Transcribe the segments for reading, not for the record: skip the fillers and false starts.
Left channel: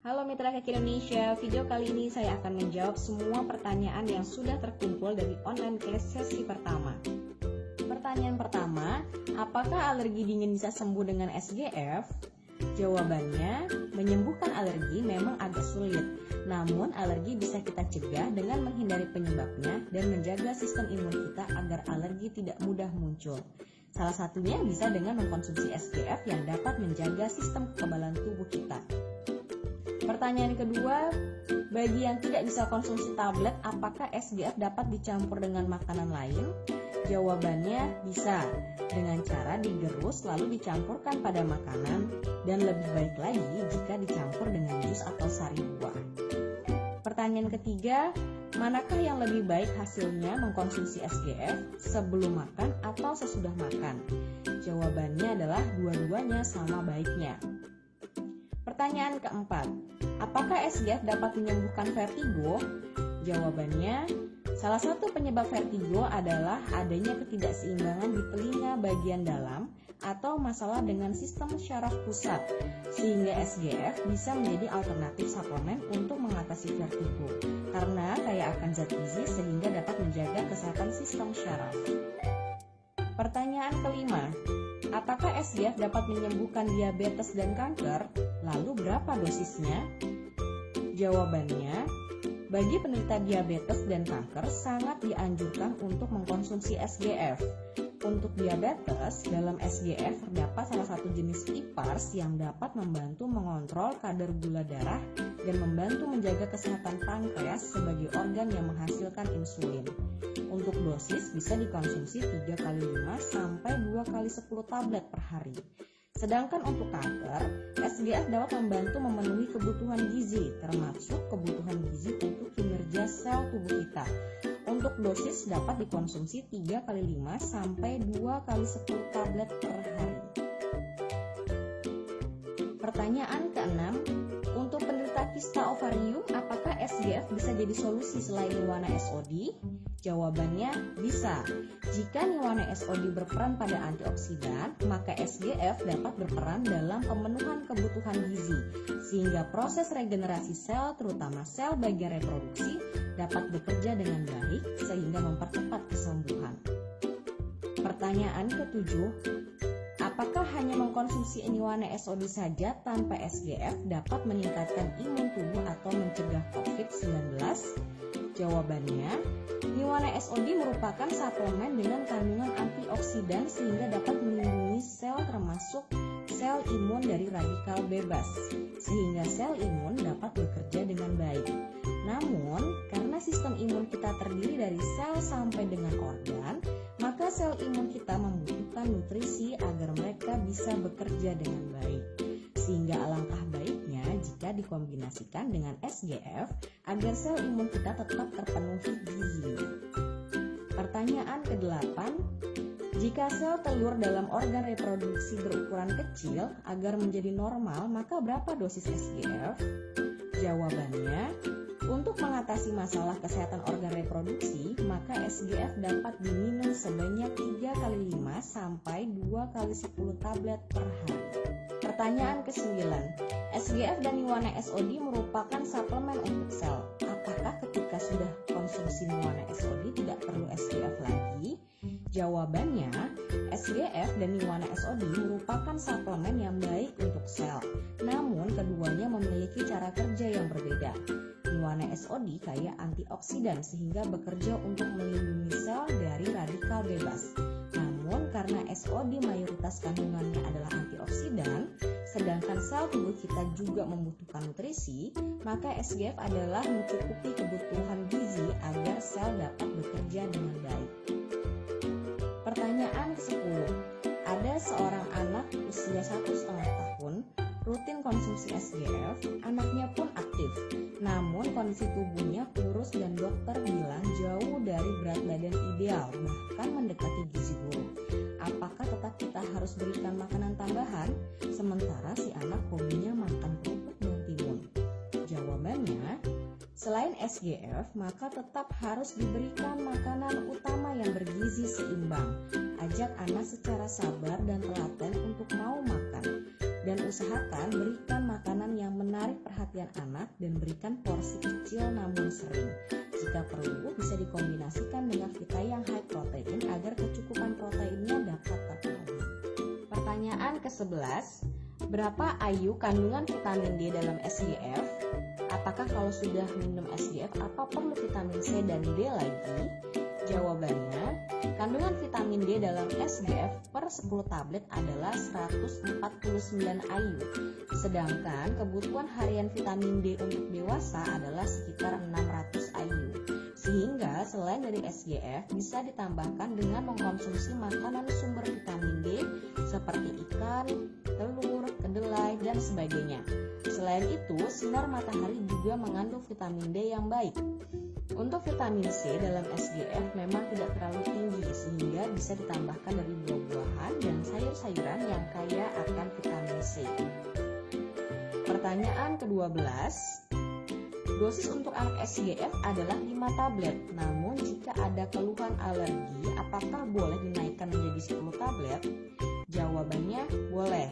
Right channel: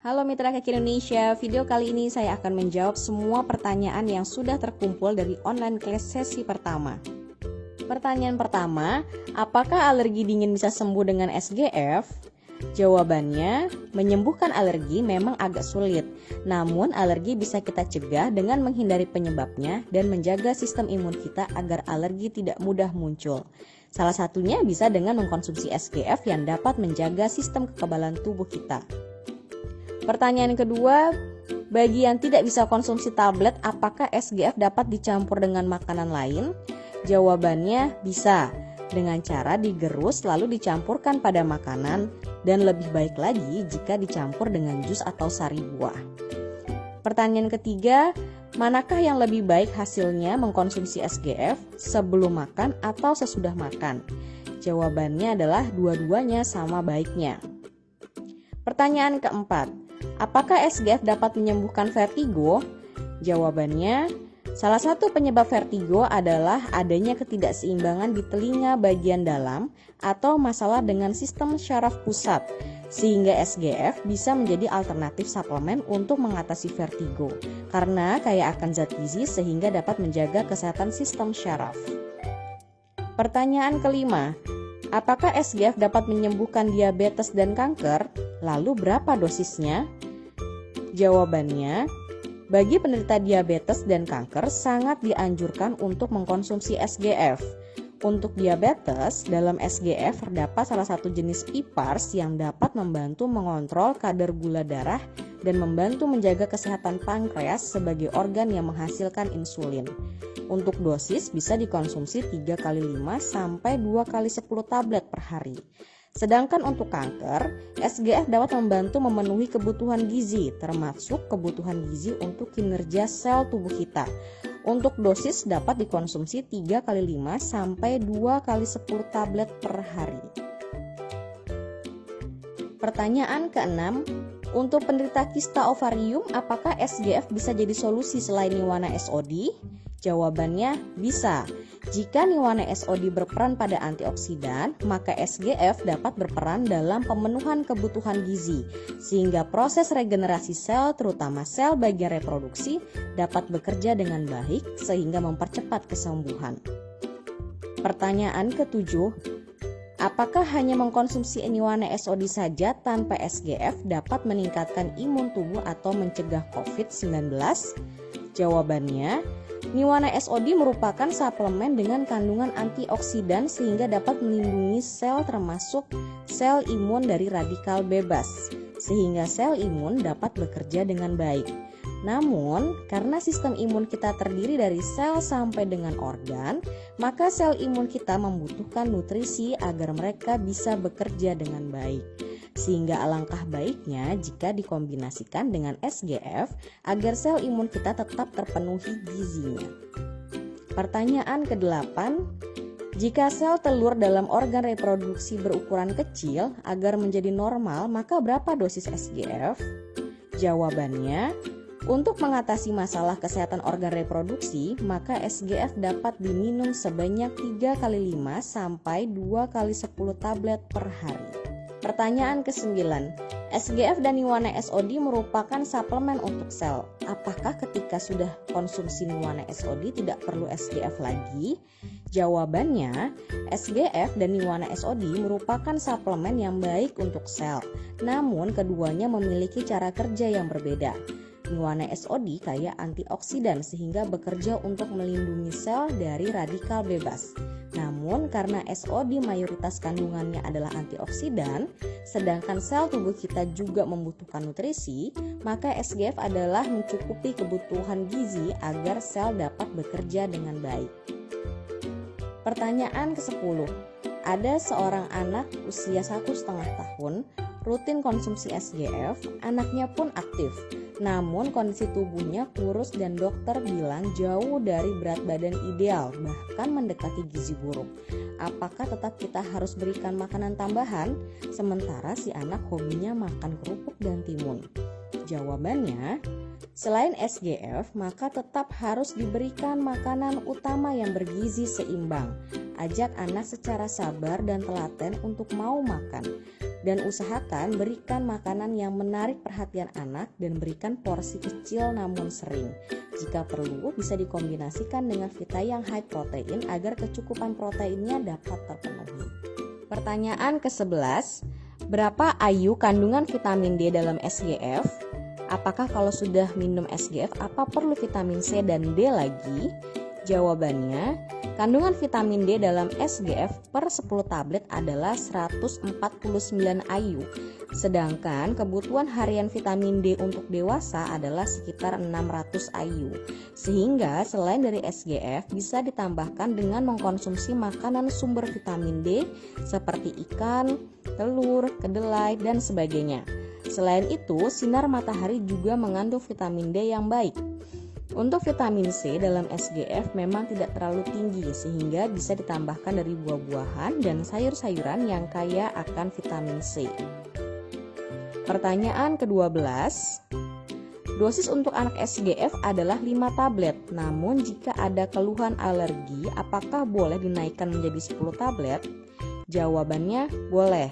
Halo Mitra Kaki Indonesia, video kali ini saya akan menjawab semua pertanyaan yang sudah terkumpul dari online class sesi pertama. Pertanyaan pertama, apakah alergi dingin bisa sembuh dengan SGF? Jawabannya, menyembuhkan alergi memang agak sulit, namun alergi bisa kita cegah dengan menghindari penyebabnya dan menjaga sistem imun kita agar alergi tidak mudah muncul. Salah satunya bisa dengan mengkonsumsi SGF yang dapat menjaga sistem kekebalan tubuh kita. Pertanyaan kedua, bagi yang tidak bisa konsumsi tablet, apakah SGF dapat dicampur dengan makanan lain? Jawabannya bisa, dengan cara digerus lalu dicampurkan pada makanan, dan lebih baik lagi jika dicampur dengan jus atau sari buah. Pertanyaan ketiga, manakah yang lebih baik hasilnya mengkonsumsi SGF sebelum makan atau sesudah makan? Jawabannya adalah dua-duanya sama baiknya. Pertanyaan keempat, apakah SGF dapat menyembuhkan vertigo? Jawabannya, salah satu penyebab vertigo adalah adanya ketidakseimbangan di telinga bagian dalam atau masalah dengan sistem syaraf pusat, sehingga SGF bisa menjadi alternatif suplemen untuk mengatasi vertigo, karena kaya akan zat gizi sehingga dapat menjaga kesehatan sistem syaraf. Pertanyaan kelima, apakah SGF dapat menyembuhkan diabetes dan kanker? Lalu berapa dosisnya? Jawabannya, bagi penderita diabetes dan kanker sangat dianjurkan untuk mengkonsumsi SGF. Untuk diabetes, dalam SGF terdapat salah satu jenis IPARS yang dapat membantu mengontrol kadar gula darah dan membantu menjaga kesehatan pankreas sebagai organ yang menghasilkan insulin. Untuk dosis bisa dikonsumsi 3 kali 5 sampai 2 kali 10 tablet per hari. Sedangkan untuk kanker, SGF dapat membantu memenuhi kebutuhan gizi, termasuk kebutuhan gizi untuk kinerja sel tubuh kita. Untuk dosis dapat dikonsumsi 3 kali 5 sampai 2 kali 10 tablet per hari. Pertanyaan keenam, untuk penderita kista ovarium, apakah SGF bisa jadi solusi selain Niwana SOD? Jawabannya bisa. Jika Niwana SOD berperan pada antioksidan, maka SGF dapat berperan dalam pemenuhan kebutuhan gizi, sehingga proses regenerasi sel, terutama sel bagian reproduksi, dapat bekerja dengan baik sehingga mempercepat kesembuhan. Pertanyaan ketujuh, apakah hanya mengkonsumsi Niwana SOD saja tanpa SGF dapat meningkatkan imun tubuh atau mencegah COVID-19? Jawabannya, Niwana SOD merupakan suplemen dengan kandungan antioksidan sehingga dapat melindungi sel termasuk sel imun dari radikal bebas, sehingga sel imun dapat bekerja dengan baik. Namun, karena sistem imun kita terdiri dari sel sampai dengan organ, maka sel imun kita membutuhkan nutrisi agar mereka bisa bekerja dengan baik. Sehingga alangkah baiknya jika dikombinasikan dengan SGF agar sel imun kita tetap terpenuhi gizinya. Pertanyaan ke-8, jika sel telur dalam organ reproduksi berukuran kecil agar menjadi normal, maka berapa dosis SGF? Jawabannya, untuk mengatasi masalah kesehatan organ reproduksi, maka SGF dapat diminum sebanyak 3 kali 5 sampai 2 kali 10 tablet per hari. Pertanyaan ke-9, SGF dan Niwana SOD merupakan suplemen untuk sel. Apakah ketika sudah konsumsi Niwana SOD tidak perlu SGF lagi? Jawabannya, SGF dan Niwana SOD merupakan suplemen yang baik untuk sel. Namun keduanya memiliki cara kerja yang berbeda. Niwana SOD kaya antioksidan sehingga bekerja untuk melindungi sel dari radikal bebas. Namun karena SOD mayoritas kandungannya adalah antioksidan, sedangkan sel tubuh kita juga membutuhkan nutrisi, maka SGF adalah mencukupi kebutuhan gizi agar sel dapat bekerja dengan baik. Pertanyaan ke-10, ada seorang anak usia 1,5 tahun rutin konsumsi SGF, anaknya pun aktif. Namun kondisi tubuhnya kurus dan dokter bilang jauh dari berat badan ideal, bahkan mendekati gizi buruk. Apakah tetap kita harus berikan makanan tambahan? Sementara si anak hobinya makan kerupuk dan timun. Jawabannya, selain SGF, maka tetap harus diberikan makanan utama yang bergizi seimbang. Ajak anak secara sabar dan telaten untuk mau makan. Dan usahakan berikan makanan yang menarik perhatian anak dan berikan porsi kecil namun sering. Jika perlu, bisa dikombinasikan dengan vita yang high protein agar kecukupan proteinnya dapat terpenuhi. Pertanyaan ke-11, berapa IU kandungan vitamin D dalam SGF? Apakah kalau sudah minum SGF, apa perlu vitamin C dan D lagi? Jawabannya, kandungan vitamin D dalam SGF per 10 tablet adalah 149 IU, sedangkan kebutuhan harian vitamin D untuk dewasa adalah sekitar 600 IU. Sehingga selain dari SGF bisa ditambahkan dengan mengkonsumsi makanan sumber vitamin D seperti ikan, telur, kedelai, dan sebagainya. Selain itu, sinar matahari juga mengandung vitamin D yang baik. Untuk vitamin C dalam SGF memang tidak terlalu tinggi sehingga bisa ditambahkan dari buah-buahan dan sayur-sayuran yang kaya akan vitamin C. Pertanyaan ke-12, dosis untuk anak SGF adalah 5 tablet. Namun jika ada keluhan alergi, apakah boleh dinaikkan menjadi 10 tablet? Jawabannya boleh.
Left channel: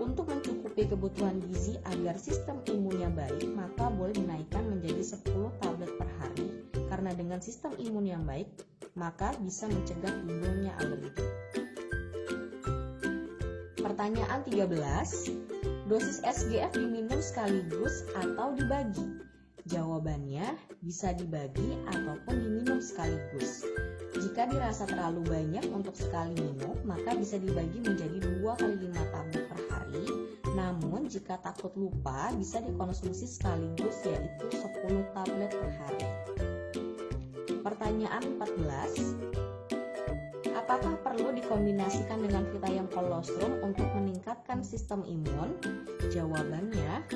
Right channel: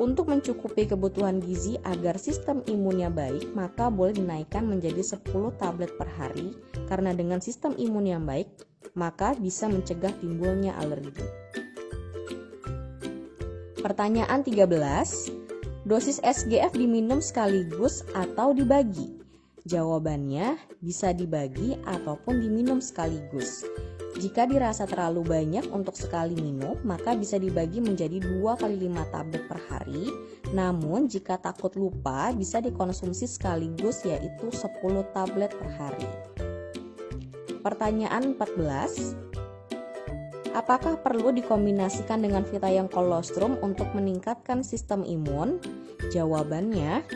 Untuk mencukupi kebutuhan gizi agar sistem imunnya baik, maka boleh dinaikkan menjadi 10 tablet per hari, karena dengan sistem imun yang baik, maka bisa mencegah timbulnya alergi. Pertanyaan 13, dosis SGF diminum sekaligus atau dibagi? Jawabannya bisa dibagi ataupun diminum sekaligus. Jika dirasa terlalu banyak untuk sekali minum, maka bisa dibagi menjadi 2 kali 5 tablet per hari. Namun jika takut lupa, bisa dikonsumsi sekaligus yaitu 10 tablet per hari. Pertanyaan 14, apakah perlu dikombinasikan dengan vitamin kolostrum untuk meningkatkan sistem imun? Jawabannya,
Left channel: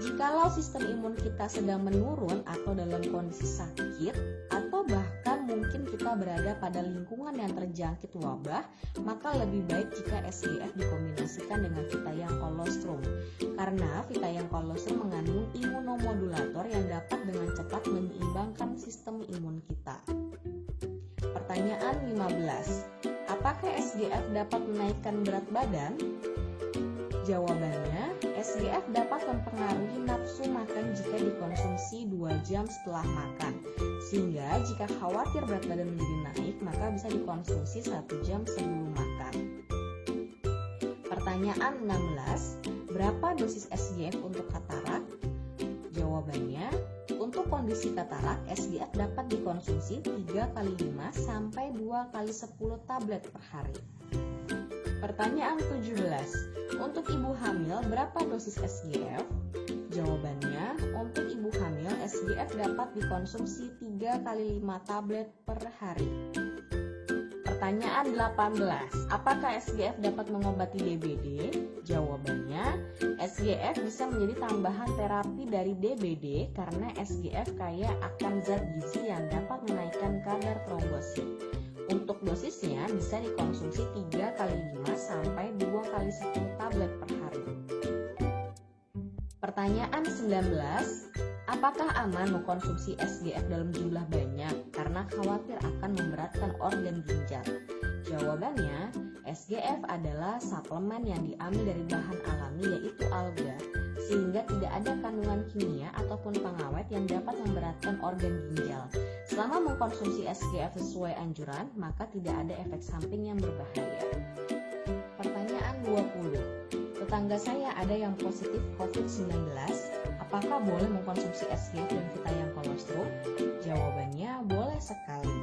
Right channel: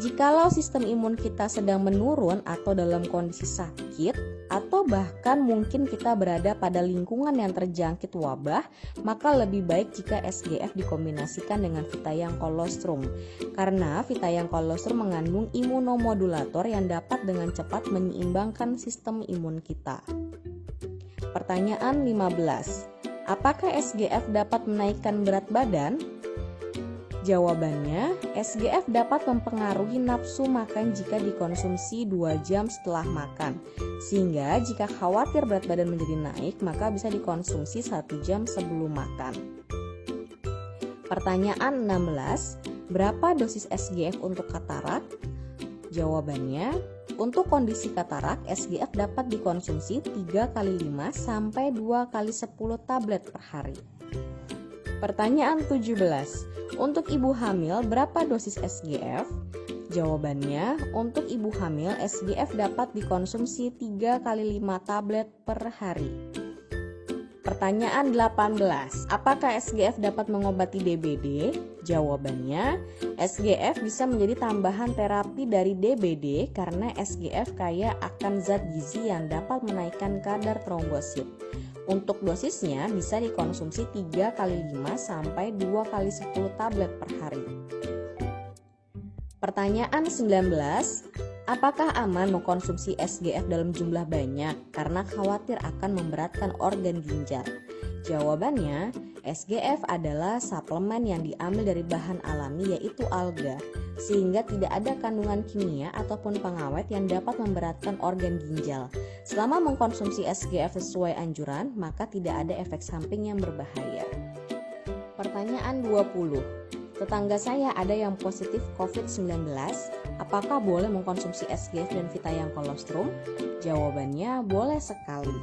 jikalau sistem imun kita sedang menurun atau dalam kondisi sakit, atau bahkan mungkin kita berada pada lingkungan yang terjangkit wabah, maka lebih baik jika SGF dikombinasikan dengan vitamin kolostrum. Karena vitamin kolostrum mengandung imunomodulator yang dapat dengan cepat menyeimbangkan sistem imun kita. Pertanyaan 15, apakah SGF dapat menaikkan berat badan? Jawabannya, SGF dapat mempengaruhi nafsu makan jika dikonsumsi 2 jam setelah makan. Sehingga jika khawatir berat badan menjadi naik, maka bisa dikonsumsi 1 jam sebelum makan. Pertanyaan 16, berapa dosis SGF untuk katarak? Jawabannya, untuk kondisi katarak, SGF dapat dikonsumsi 3 kali 5 sampai 2 kali 10 tablet per hari. Pertanyaan 17, untuk ibu hamil berapa dosis SGF? Jawabannya, untuk ibu hamil SGF dapat dikonsumsi 3 kali 5 tablet per hari. Pertanyaan 18, apakah SGF dapat mengobati DBD? Jawabannya, SGF bisa menjadi tambahan terapi dari DBD karena SGF kaya akan zat gizi yang dapat menaikkan kadar trombosit. Untuk dosisnya bisa dikonsumsi 3 kali 5 sampai 2 kali 10 tablet per hari. Pertanyaan 19, apakah aman mengkonsumsi SGF dalam jumlah banyak karena khawatir akan memberatkan organ ginjal? Jawabannya, SGF adalah suplemen yang diambil dari bahan alami yaitu alga, sehingga tidak ada kandungan kimia ataupun pengawet yang dapat memberatkan organ ginjal. Selama mengkonsumsi SGF sesuai anjuran, maka tidak ada efek samping yang berbahaya. Pertanyaan 20, tetangga saya ada yang positif COVID-19, apakah boleh mengkonsumsi SGF dan vitamin kolostrum? Jawabannya boleh sekali.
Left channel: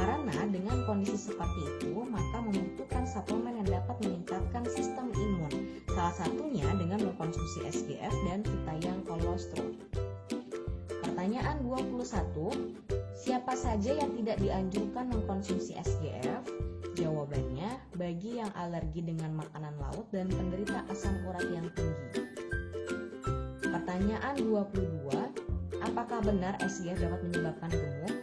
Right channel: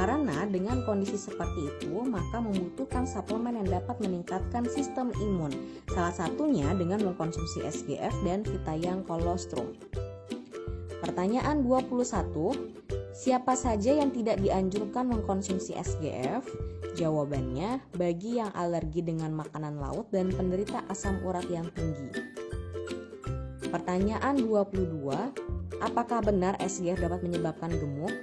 Karena dengan kondisi seperti itu, maka membutuhkan suplemen yang dapat meningkatkan sistem imun. Salah satunya dengan mengkonsumsi SGF dan vitamin kolostrum. Pertanyaan 21, siapa saja yang tidak dianjurkan mengkonsumsi SGF? Jawabannya, bagi yang alergi dengan makanan laut dan penderita asam urat yang tinggi. Pertanyaan 22, apakah benar SGF dapat menyebabkan gemuk?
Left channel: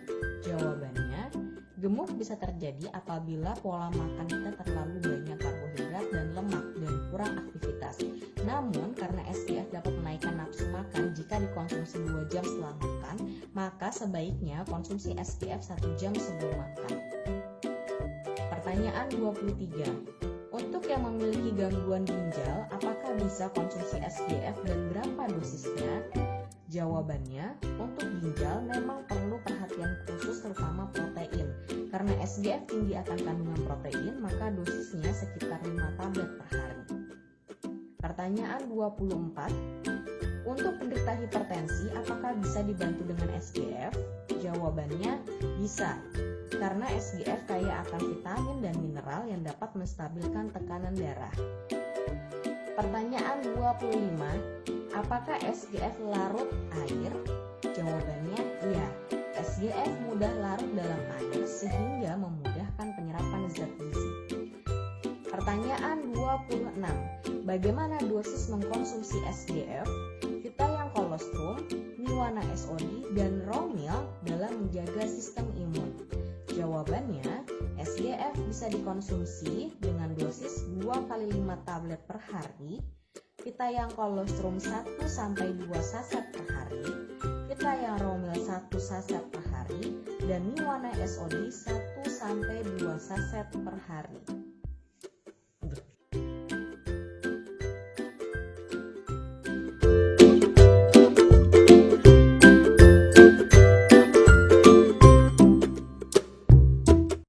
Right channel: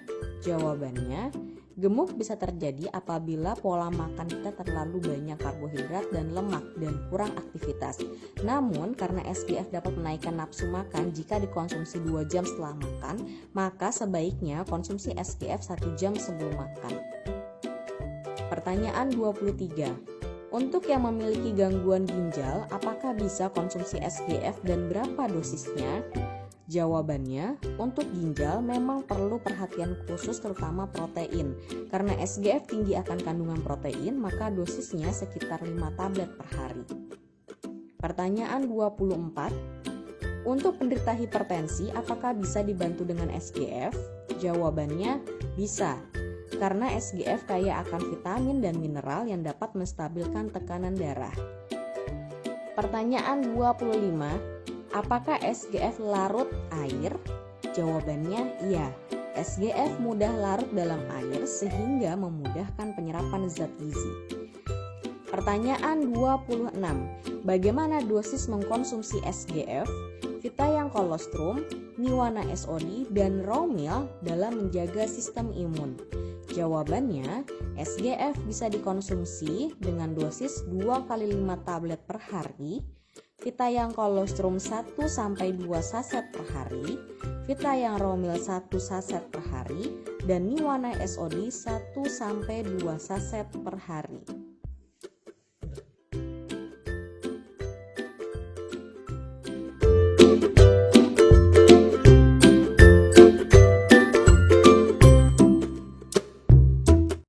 Jawabannya, gemuk bisa terjadi apabila pola makan kita terlalu banyak karbohidrat dan lemak dan kurang aktivitas. Namun, karena SGF dapat menaikkan nafsu makan jika dikonsumsi 2 jam setelah makan, maka sebaiknya konsumsi SGF 1 jam sebelum makan. Pertanyaan 23, Untuk yang memiliki gangguan ginjal, apakah bisa konsumsi SGF dan berapa dosisnya? Jawabannya, untuk ginjal memang perlu perhatian khusus terutama protein. Karena SGF tinggi akan kandungan protein, maka dosisnya sekitar 5 tablet per hari. Pertanyaan 24. Untuk penderita hipertensi, apakah bisa dibantu dengan SGF? Jawabannya, bisa. Karena SGF kaya akan vitamin dan mineral yang dapat menstabilkan tekanan darah. Pertanyaan 25. Apakah SGF larut air? Jawabannya iya. SGF mudah larut dalam air sehingga memudahkan penyerapan zat gizi. Pertanyaan 26. Bagaimana dosis mengkonsumsi SGF, Vita Colostrum, Niwana SOD, dan Romil dalam menjaga sistem imun? Jawabannya, SGF bisa dikonsumsi dengan dosis 2 kali 5 tablet per hari, Vita Colostrum 1-2 saset per hari, Vita Romil 1 saset per hari, dan Niwana SOD 1-2 saset per hari.